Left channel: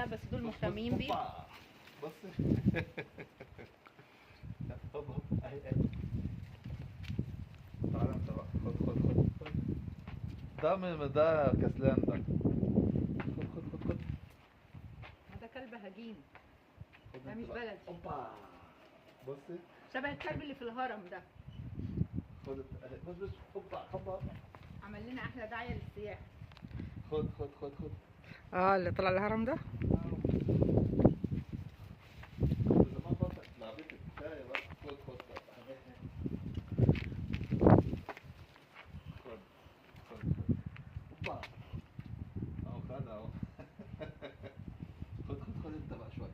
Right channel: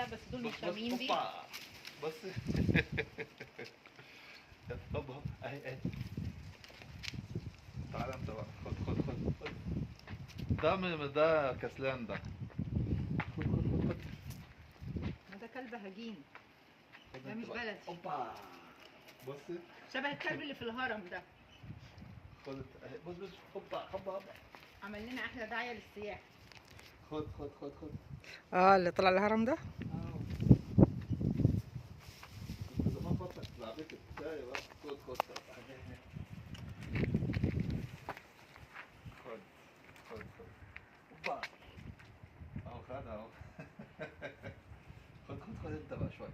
لا بس دول مش شامين بيه. هوبا بص. هوب هوب اهي اهي. تعالى انت بقى، خد. ده كسلان ده. خد. ده كلب هجين، خد ده انت مش بقى. بلدي. هوبا بص. شبه الكلب اللي في الهرم ده. خد انت اهي، بص هوبا. عمل لنا احلى دعايه للسياحه. خد. اللي طلع الهرم ده. زمان فترة لعبتك بتاعي بقى. خد اهي. خد. هوبا اهو خدها اهو. خد انت بقى شوية.